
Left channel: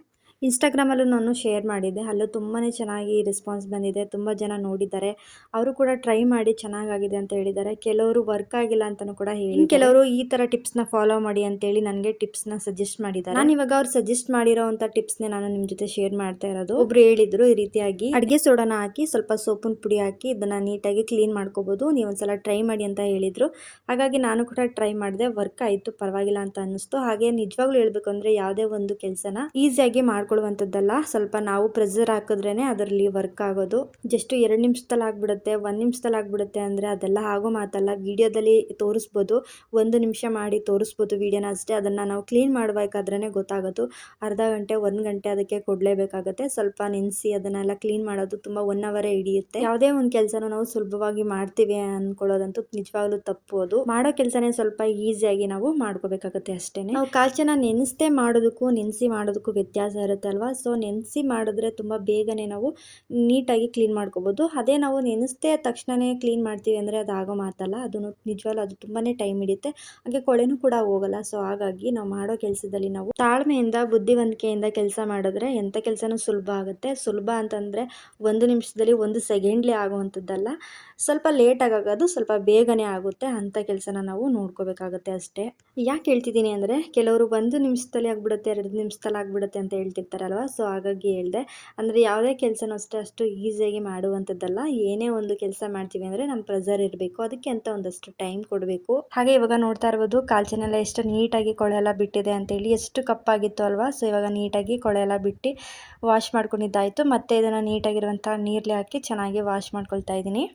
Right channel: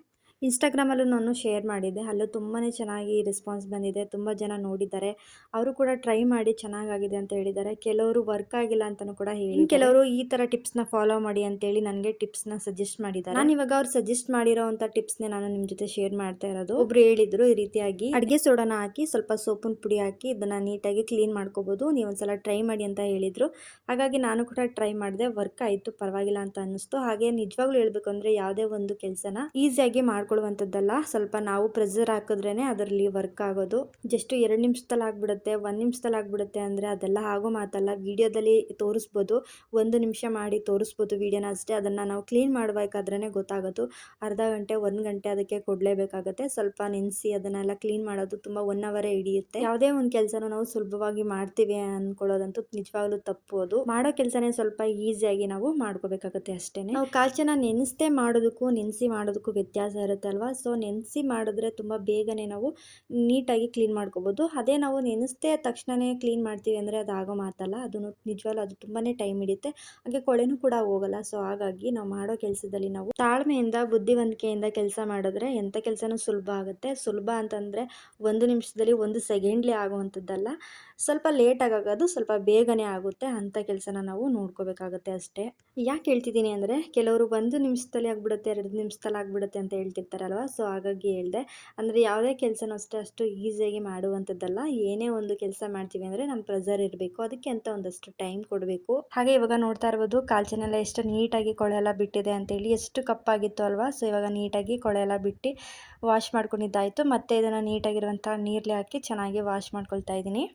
ಇನ್ಸ್ಟಾಗ್ರಾಮಲ್ಲೂ ನಾನು ಶೇರ್ ಮಾಡಿದ್ದೆ, ಅಲ್ಲೂ ತುಂಬಾ ಚೆನ್ನಾಗಿ ರೆಸ್ಪಾನ್ಸ್ ಬಂದಿದೆ. ತುಂಬ ಜನ ನೋಡಿದ್ದಾರೆ, ಅವರು ಕೂಡ ಟ್ರೈ ಮಾಡಿ ಚೆನ್ನಾಗಾಗಿದೆ ಅಂತ ಹೇಳಿದ್ದಾರೆ. ಕೆಲವರು ವರ್ಕ್ ಆಗಿಲ್ಲ ಅಂತಲೂ ಕೂಡ ಹೇಳಿ, ಕೆಲವರು ಈ ಥರ ಟಿಪ್ಸ್ನ ಫಾಲೋ ಮಾಡಿ ಅಂತೇಳಿ ನನಗೆ ಟಿಪ್ಸ್ನ ಸಜೆಸ್ಟ್ ಮಾಡಿದ್ದಾರೆ. ನಾನು ಇವಾಗ ಅವ್ರು ಸಜೆಸ್ಟ್ ಮಾಡಿರೋವಂಥ ಟಿಪ್ಸ್ನೇ ನಾನು ನಿಮ್ಮ ಜೊತೆ ಶೇರ್ ಮಾಡ್ತಾ ಇರೋದು. ಒಬ್ರು ಹೇಳಿದ್ರು ಈ ರೀತಿಯಾಗಿ ಅಡುಗೆ ಸೋಡಾನ ಹಾಕಿ ಸ್ವಲ್ಪ ಸೋಪಿನ ಪುಡಿ ಹಾಕಿ ಇದನ್ನು ನೀಟಾಗಿ ಕ್ಲೀನ್ ಮಾಡ್ಕೋಬೋದು, ನೀವು ಒಂದ್ಸಲ ಟ್ರೈ ಮಾಡಿ ಅಂತ ಹೇಳಿದರು. ಹಾಗಾಗಿ ನಾನು ಕೂಡ ಟ್ರೈ ಮಾಡಿದೆ, ವರ್ಕ್ ಆಯಿತು, ಪರವಾಗಿಲ್ಲ ಅಂತ ಅನ್ನಿಸ್ತು. ಹಾಗೆ ನಿಜವಾಗ್ಲೂ ಹೇಳ್ಬೇಕು ಅಂದರೆ ಯಾವುದೇ ಒಂದು ಕೆಲಸನ ಈಸಿಯಾಗಿ ಮಾಡ್ಕೊಳ್ಳುವಂಥದ್ದಲ್ಲ, ಸ್ವಲ್ಪ ನಾವು ಪ್ರೆಷರ್ ಹಾಕಿದ್ರೇ ಅದರಲ್ಲಿ ವರ್ಕ್ ಆಗೋದು. ಜಸ್ಟ್ 2 ನಿಮಿಷದಲ್ಲಿ ಆಗಿಬಿಡುತ್ತೆ, 1 ನಿಮಿಷದಲ್ಲಿ ಆಗಿಬಿಡುತ್ತೆ ಅಂದರೆ ಅದೆಲ್ಲ ಆಗೋ ಮಾತಲ್ಲ. ವಿಡಿಯೋದಲ್ಲಿ ತೋರಿಸ್ಬೋದು, 1 ನಿಮಿಷ ಮಾಡಿ ತೋರಿಸ್ಬೋದು ವಿಡಿಯೋನ ಅಷ್ಟೇ. ಅದನ್ನು ನಾವು ಕ್ಲೀನ್ ಮಾಡಬೇಕಾದ್ರೇ ಗೊತ್ತಾಗೋದು. ಅರ್ಧ ಗಂಟೆ 1 ಗಂಟೆ ಅದಕ್ಕೆ ಕೊಡಲೇಬೇಕಾಗುತ್ತೆ. ಸ್ವಲ್ಪ ನೆನೆಸಿ ಅದನ್ನೆಲ್ಲ ಕ್ಲೀನ್ ಮಾಡೋದು ತುಂಬ 1 ಅವರೇ ಹಿಡಿಯುತ್ತೆ. ಯಾವುದೇ ಒಂದು ಕೆಲಸನ ನಾವು ಸುಲಭವಾಗಿ ಮಾಡ್ತೀವಿ ಅಂದ್ಕೊಳ್ಳೋದಂತೂ ನಿಜವಾಗ್ಲೂ ತಪ್ಪು. ಅದು ಮಾಡೋ ಕೆಲಸನೇ ಸ್ವಲ್ಪ ಈಸಿಯಾಗಿ ನಾವು ಮಾಡ್ಕೋಬೇಕಾಗುತ್ತೆ ಅಷ್ಟೇ. ನಾವು ಕಾಲ್ಚೆನ ನೆನೆಸದೆ ಮಾಡೋದಕ್ಕೂ ನೆನೆಸಿ ಮಾಡೋದಕ್ಕೂ ವ್ಯತ್ಯಾಸ ಇರುತ್ತೆ. ಆಗಿಬಿಡುತ್ತೆ ಅಲ್ವಾ. ಸೊ ನೆನೆಸಿ ಮಾಡಿದ್ರೆ ತುಂಬ ಬೇಗನೆ ನಾವು ನೀಟಾಗಿ ಕ್ಲೀನ್ ಮಾಡ್ಕೋಬೋದು. ಅದೇ ನಾವು ನೆನೆಸ್ದೇ ತಕ್ಷಣವೇ ಕ್ಲೀನ್ ಮಾಡ್ತೀವಿ ಅಂದರೆ ಅದು ಆಗೋ ಮಾತಲ್ಲ. ಅದು ನಿಜವಾಗ್ಲೂ ಅದು ತುಂಬಾ ಟೈಮ್ ಹಿಡಿಯುತ್ತೆ, ಹಾಗೆ ಕೊಳೆನೂ ಕೂಡ ಹೋಗಲ್ಲ. ಸೊ ಹಾಗಾಗಿ ನಾವು ಮಾಡೋ ಕೆಲಸದಲ್ಲಿ ನಾವು ತಾಳ್ಮೆಯಿಂದ ಬುದ್ಧಿವಂತಿಕೆಯಿಂದ ಕೆಲಸ ಮಾಡಿದ್ರೆ ಎಂಥ ಕೆಲಸನೂ ಸುಲಭ ಆಗುತ್ತೆ. ಸುಲಭ ಅಂತಂದರೆ 1 ನಿಮಿಷದಲ್ಲಿ 1 ಸೆಕೆಂಡ್ಲಿ ಆಗುವಂಥದ್ದಲ್ಲ, ಸ್ವಲ್ಪ ಲೇಟಾಗಿ ಆಗೋದು, ಸ್ವಲ್ಪ ಬೇಗನೆ ಆಗುತ್ತೆ ಅಂಥ ಕೆಲಸನ ನಾವು ನೋಡ್ಕೋಬೇಕಾಗುತ್ತೆ ಅಷ್ಟೇ. ಯಾಕೆ ಹೇಳ್ತಿದ್ದೀನಿ ಅಂದರೆ ಕೆಲವರು 1 ನಿಮಿಷದಲ್ಲಿ ಆಗಿಬಿಡುತ್ತೆ, 2 ನಿಮಿಷದಲ್ಲಿ ಆಗಿಬಿಡುತ್ತೆ ಅಂತ ಹೇಳ್ತಿರ್ತಾರಲ್ವ. ಸೊ ಹಾಗಾಗಿ ಹೇಳಿದೆ. ಅಂದರೆ ಯಾವುದೇ ಕೆಲಸನೂ ಅಷ್ಟೇ ಅಷ್ಟು ಈಸಿಯಾಗಿ ಮಾಡುವಂಥದ್ದಲ್ಲ. ಏನೇ ಒಂದು ಕೆಲಸ ಮಾಡ್ತೀವಿ ಅಂದರೆ ನಮ್ಮ ಪ್ರೆಷರ್ ಇರಬೇಕು, ಅದಕ್ಕೆ ಅಂತ ಒಂದಷ್ಟು ಟೈಮ್ ಕೊಡಬೇಕು. ಹಾಗೆ ಇವಾಗ ನೋಡ್ತಾ ಇರ್ಬೋದು ಕಾಲ್ಚನೆಲ್ಲ ಎಷ್ಟು ನೀಟಾಗಿ ಕೊಳೆ ಎಲ್ಲ ಬಿಟ್ಟಿದೆ ಅಂತೇಳಿ. ಎಷ್ಟು ಕಪ್ಪಾಗಿತ್ತು ಅಲ್ವಾ. ಸೊ ಇವಾಗ ನೀಟಾಗಿ ಕೊಳೆ ಎಲ್ಲ ಬಿಟ್ಟು ವಾಶ್ ಮಾಡ್ಕೊಂಡಿದ್ದಾಯಿತು. ಮತ್ತೆ ಇದನ್ನು ನೀಟಾಗಿರುವಂಥ ನೀರಲ್ಲಿ ಹಾಕಿ ಚೆನ್ನಾಗಿ ವಾಶ್ ಮಾಡ್ಕೊಳ್ತಾ ಇದ್ದೀನಿ.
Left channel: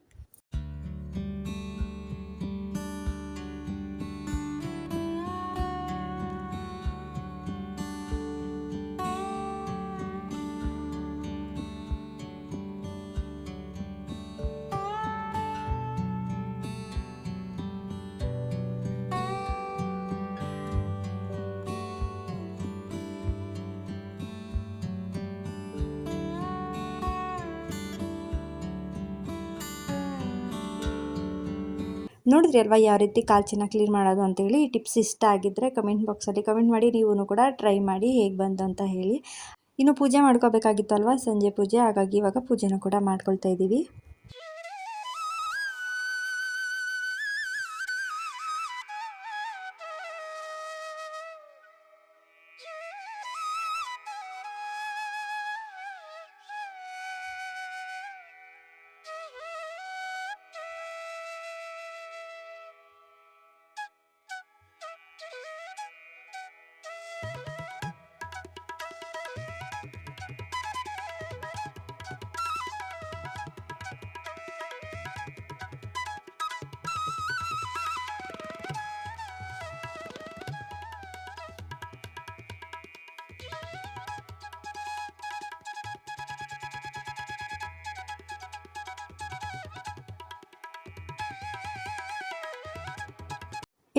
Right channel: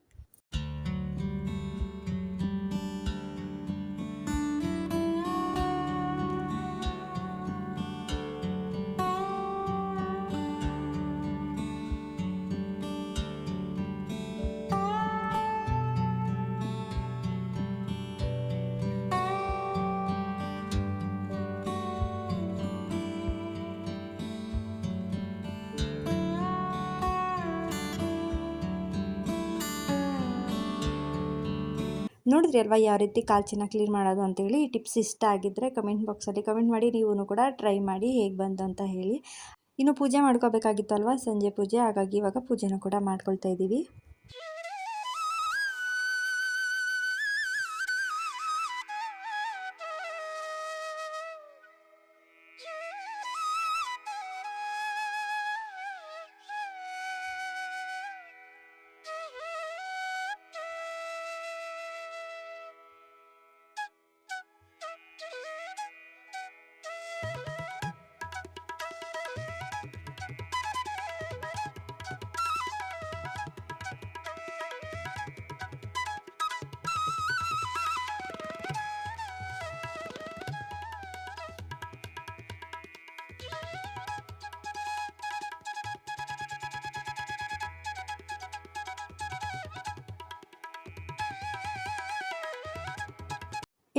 ನೋಡಿದ್ರಿ ಅಲ್ವಾ ಯಾವ ರೀತಿ ಕಾಲ್ಚಿನ ಕ್ಲೀನ್ ಮಾಡೋದು ಅಂತೇಳಿ. ಈ ಟಿಪ್ಸ್ ಇಷ್ಟ ಆಗಿದ್ದರೆ ಕಮೆಂಟ್ ಬಾಕ್ಸಲ್ಲಿ ಕಮೆಂಟ್ ಮಾಡಿ, ನೀವು ಕೂಡ ಟ್ರೈ ಮಾಡಿ ಹೇಗೆ ಬಂತು ಅಂತ ಹೇಳಿ. ಇನ್ನು ಪೂಜೆ ಮಾಡ್ಕೋಬೇಕಾಗಿತ್ತು ಅಲ್ವಾ, ಸಂಜೆ ಪೂಜೆ. ಹಾಗಾಗಿ ಇವಾಗ ಪೂಜೆನೂ ಕೂಡ ಮಾಡ್ಕೊಳ್ತಾ ಇದ್ದೀವಿ.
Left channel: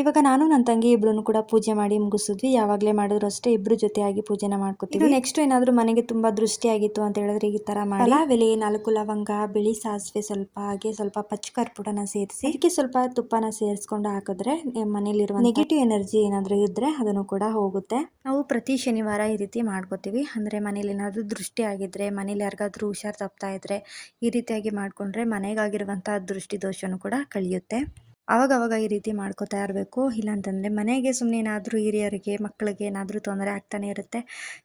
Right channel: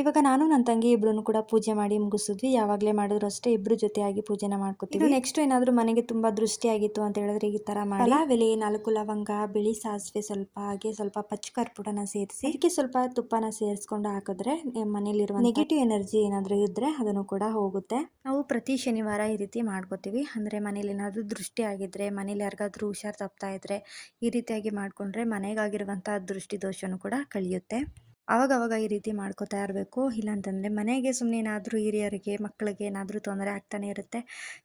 ಇವಾಗ ನಾನು ನನ್ನ ತಂಗಿ ಇಬ್ಬರೂ ಕೂಡ ಪೂಜೆ ಮಾಡಿ ಮುಗಿಸಿದ್ವಿ. ಯಾವಾಗಲೇ ಮಾಡಿದ್ರು ಅಷ್ಟೇ ಇಬ್ಬರು ಜೊತೆಯಾಗಿ ಪೂಜೆನ ಮಾಡ್ಕೊತೀವಿ. ನೆಕ್ಸ್ಟ್ ಏನಾದರೂ ಮನೆಗೆ ತುಂಬ ದೃಷ್ಟಿಯಾಗಿತ್ತು ಅಂತ ಹೇಳಿದ್ರೆ ಈ ಥರ ಮಾಡಿ ಪಲಾವೆಲೆ 4 ಲವಂಗ, ಬಿಳಿ ಸಾಸಿವೆ ಸ್ವಲ್ಪ, ಹಾಗೆ ಸ್ವಲ್ಪ ಪಚ್ಚ ಕರ್ಪೂರನ ಸೇರಿಸಿ ಅದಕ್ಕೆ ಸ್ವಲ್ಪ ತುಪ್ಪನ ಸೇರಿಸ್ಕೊಂಡು ಹಾಕಿದ್ರೆ ಮನೇಲಿರುವ ನೆಗೆಟಿವ್ ಎನರ್ಜಿ ಏನಾದರೂ ಇದ್ದರೆ ಅದನ್ನು ಕೂಡ ಹೋಗುತ್ತೆ. ನಾವು ಪ್ರತಿ ಶನಿವಾರ ಈ ರೀತಿ ಮಾಡ್ಕೋತೀವಿ. ಅಂದರೆ ಮನೇಲಿ ಏನಾದರೂ ದೃಷ್ಟಿ ಆಗಿದ್ದರೆ, ಮನೇಲಿ ಯಾರಿಗಾದ್ರೂ ಹುಷಾರು ತಪ್ತಾ ಇದ್ದರೆ ಈ ರೀತಿಯಾಗಿ ಮಾಡಿಕೊಂಡ್ರೆ ಮನೆಗಾಗಿರುವಂಥ ದೃಷ್ಟಿ ದೋಷನೂ ಕೂಡ ಕಳಿಯುತ್ತೆ. ಅವಾಗವಾಗ ಈ ರೀತಿ ಮಾಡ್ಕೋತಾ ಇರಬೇಕು. ಇಲ್ಲಾಂತಂದರೆ ಮನೆಗೆ ಸುಮ್ಮನೆ ಏನಾದರೂ ಹಿರಿಯರಿಗೆ ಮಕ್ಕಳಿಗೆ ಏನಾದರೂ ತೊಂದರೆ ಆಗ್ತಾನೆ ಇರುತ್ತೆ.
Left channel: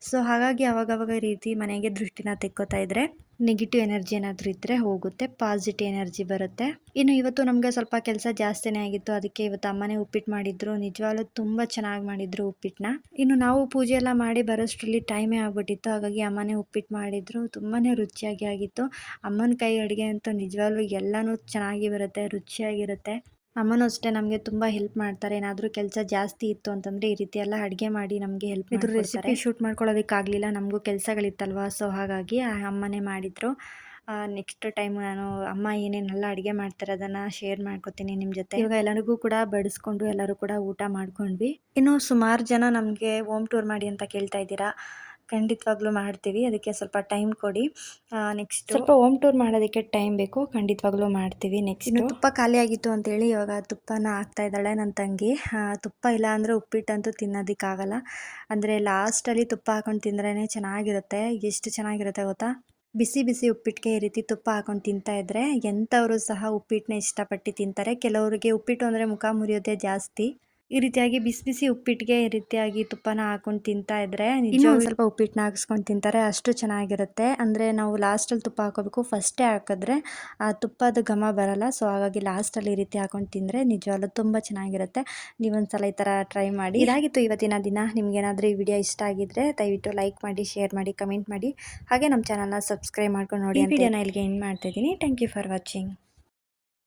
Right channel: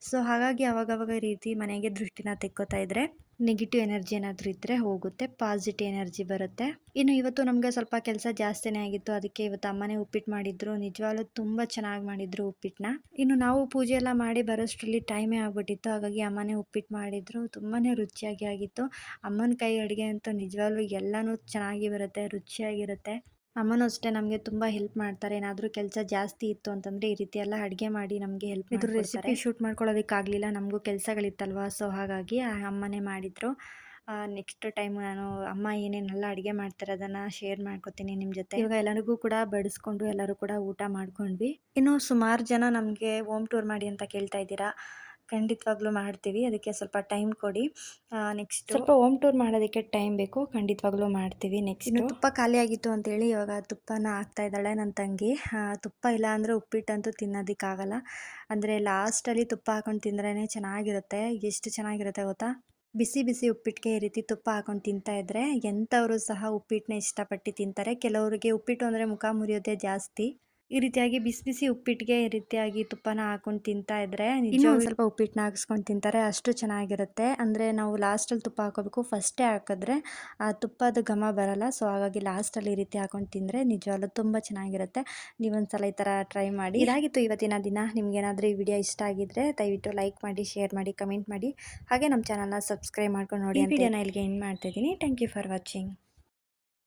ಸೊ ಹಾಗಾಗಿ ಅವಾಗವಾಗ ಈ ರೀತಿ ಮನೆಗೆ ದೃಷ್ಟಿನ ತೆಕ್ಕೋತಾ ಇದ್ದರೆ ನೆಗೆಟಿವ್ ಎನರ್ಜಿ ಏನಾದರೂ ಇದ್ದರೆ ಹೋಗುತ್ತೆ, ಪಾಸಿಟಿವ್ ಎನರ್ಜಿ ಬರುತ್ತೆ. ಇನ್ನು ಇವತ್ತು ನಮಗೆ ಸ್ವಲ್ಪ ಕೆಲಸ ಜಾಸ್ತಿನೇ ಆಗಿತ್ತು, ಅದಕ್ಕೆ ಇವತ್ತು ಅಮ್ಮನೇ ಉಪ್ಪಿಟ್ಟು ಮಾಡಿದ್ರು. ನಿಜವಾಗ್ಲೂ ತುಂಬ ಚೆನ್ನಾಗಿ ಮಾಡಿದ್ರು ಉಪ್ಪಿಟ್ಟನ್ನ. ಇನ್ನು ನಾವು ಪೂಜೆ ಎಲ್ಲ ಮಾಡಿ ಬರೋಷ್ಟರಲ್ಲಿ ಟೈಮೇ ಆಗ್ಬಿಟ್ಟಿತ್ತು. ಹಾಗಾಗಿ ಅಮ್ಮನೇ ಉಪ್ಪಿಟ್ಟು ಮಾಡಿದ್ರು, ತುಂಬಾ ರುಚಿಯಾಗಿ ಆಗಿತ್ತು. ಅಮ್ಮನ ಕೈ ಅಡುಗೆ ಅಂತೂ ನಿಜವಾಗ್ಲೂ ಎಲ್ಲನೂ ಚೆನ್ನಾಗಿ ಬರುತ್ತೆ, ರುಚಿಯಾಗಿರುತ್ತೆ. ಅಮ್ಮನೂ ಅಷ್ಟೇ ನಮಗೆ ತುಂಬ ಹೆಲ್ಪ್ ಮಾಡ್ತಾರೆ. ಏನಾದರೂ ಕೆಲಸ ಜಾಸ್ತಿ ಇತ್ತು ಅಂತಂದರೆ ಈ ರೀತಿ ಎಲ್ಲ ಅಡುಗೆ ಮಾಡಿ ನಮಗೆ ಹೆಲ್ಪ್ ಮಾಡಿದ್ರು. ರೆಸಿಪಿ ಶೂಟ್ ಮಾಡ್ಕೊಳ್ಳೋದಕ್ಕಾಗಲಿಲ್ಲ, ನಮಗೂ ಕೆಲಸಗಳಿತ್ತಲ್ವ. ಸೊ ಹಾಗಾಗಿ ಅಮ್ಮನೇ ಮಾಡಿದರು. ನೆಕ್ಸ್ಟ್ ಟೈಮ್ ನಾನು ಅಮ್ಮ ಏನೇನೆಲ್ಲ ಅಡುಗೆ ಮಾಡ್ತಾರೆ ಅದನ್ನು ಶೇರ್ ಮಾಡ್ಕೊತೀನಿ ನಿಮ್ಮ ಜೊತೆ. ಇವಾಗ ಎಲ್ಲರಿಗೂ ಕೂಡ ಬಡಿಸ್ಕೊಂಡು ಎಲ್ಲರೂ ಕೂಡ ಊಟ ಮಾಡ್ಕೊಂಡ್ವಿ. ಇನ್ನು ಸುಮಾರು ಜನ ನಮಗೆ ಹೋಮ್ ಟೂರ್ ಮಾಡಿ ಅಂತ ಕೇಳ್ತಾ ಇದ್ದೀರಾ. ಖಂಡಿತವಾಗ್ಲೂ ಮಾಡ್ತೀವಿ, ಅದಕ್ಕೆ ಸ್ವಲ್ಪ ಟೈಮ್ ಕೊಡಿ. ನೆಕ್ಸ್ಟ್ ಸ್ವಲ್ಪ ಹೋಮ್ ಟೂರ್ ಮಾಡೋದಕ್ಕೆ ಟೈಮ್ ಬೇಕು, ಖಂಡಿತವಾಗ್ಲೂ ಮಾಡ್ತೀವಿ. ನೆಕ್ಸ್ಟ್ ತುಪ್ಪ ಖಾಲಿ ಆಗಿತ್ತು ಅಂತೇಳಿ ಇವಾಗ ತುಪ್ಪನ ಹಾಕ್ತಾ ಇದ್ದಾಳೆ ನನ್ನ ತಂಗಿ. ತುಪ್ಪ ಇಲ್ಲ ಅಂದರೆ ಉಪ್ಪಿಟ್ಟಂತೂ ತಿನ್ನೋದಕ್ಕಾಗಲ್ಲ. ಅಂದರೆ ಲಾಸ್ಟಲ್ಲಿ ತುಪ್ಪ ಹಾಕೊಂಡು ತಿಂದ್ರೇ ಚೆನ್ನಾಗಿರುತ್ತೆ. ಎಷ್ಟು ಚೆನ್ನಾಗಿರುತ್ತೆ ಗೊತ್ತಾ. ಬಿಸಿ ಬಿಸಿ ಉಪ್ಪಿಟ್ಟಿಗೆ ಈ ರೀತಿ ತುಪ್ಪ ಹಾಕೊಂಡು ತಿಂತಾ ಇದ್ದರೆ ಎಂಥವರು ಸಹ ಉಪ್ಪಿಟ್ಟನ್ನ ಇಷ್ಟಪಟ್ಟು ತಿಂತಾರೆ. ಕೆಲವರಿಗೆ ಉಪ್ಪಿಟ್ಟು ಅಂದರೆ ಮುಖ ಮುರಿಯೋದೇ ಜಾಸ್ತಿ. ಈ ರೀತಿಯಾಗಿ ಬಿಸಿ ಬಿಸಿ ಉಪ್ಪಿಟ್ಟಿಗೆ ಈ ರೀತಿಯಾಗಿ ತುಪ್ಪನ ಹಾಕೊಂಡು ತಿಂತಾ ಇದ್ದರೆ ಇನ್ನೂ ಸ್ವಲ್ಪ ಉಪ್ಪಿಟ್ಟನ್ನ ಹಾಕಿಸ್ಕೊಂಡು ತಿಂತಾರೆ, ಅಷ್ಟು ಚೆನ್ನಾಗಿರುತ್ತೆ. ಅಂದರೆ ನಾವು ಲಾಸ್ಟಲ್ಲಿ ತುಪ್ಪ ಹಾಕೋಬೇಕು, ಫಸ್ಟೇ ಹಾಕಿದ್ರೆ ಆ ತುಪ್ಪದ ಘಮ ಬರಲ್ಲ. ಸೊ ಹಾಗಾಗಿ ಲಾಸ್ಟಲ್ಲಿ ಈ ರೀತಿ ಹಾಕೊಂಡು ತಿಂದರೆ ನಿಜವಾಗ್ಲೂ ತುಂಬ ಚೆನ್ನಾಗಿರುತ್ತೆ. ನೀವೊಂದ್ಸಲ ಈ ಥರ ಟ್ರೈ ಮಾಡಿ. ಇದಾಗಿತ್ತು ಇವತ್ತಿನ ದಿನ. ನಿಮಗೇನಾದರೂ ಈ ವಿಡಿಯೋ ಇಷ್ಟ ಆಗಿದ್ದರೆ ದಯವಿಟ್ಟು ಲೈಕ್ ಮಾಡಿ, ಶೇರ್ ಮಾಡಿ, ಕಮೆಂಟ್ ಮಾಡಿ, ಹಾಗೆ ನಮ್ಮ ಚಾನಲ್ನ ಸಬ್ಸ್ಕ್ರೈಬ್ ಮಾಡ್ಕೊಂಡು ನೋಡಿ. ಈ ವಿಡಿಯೋನ ಇಲ್ಲಿಗೆ ಎಂಡ್ ಮಾಡ್ತಾಯಿದ್ದೀನಿ. Thank you for watching.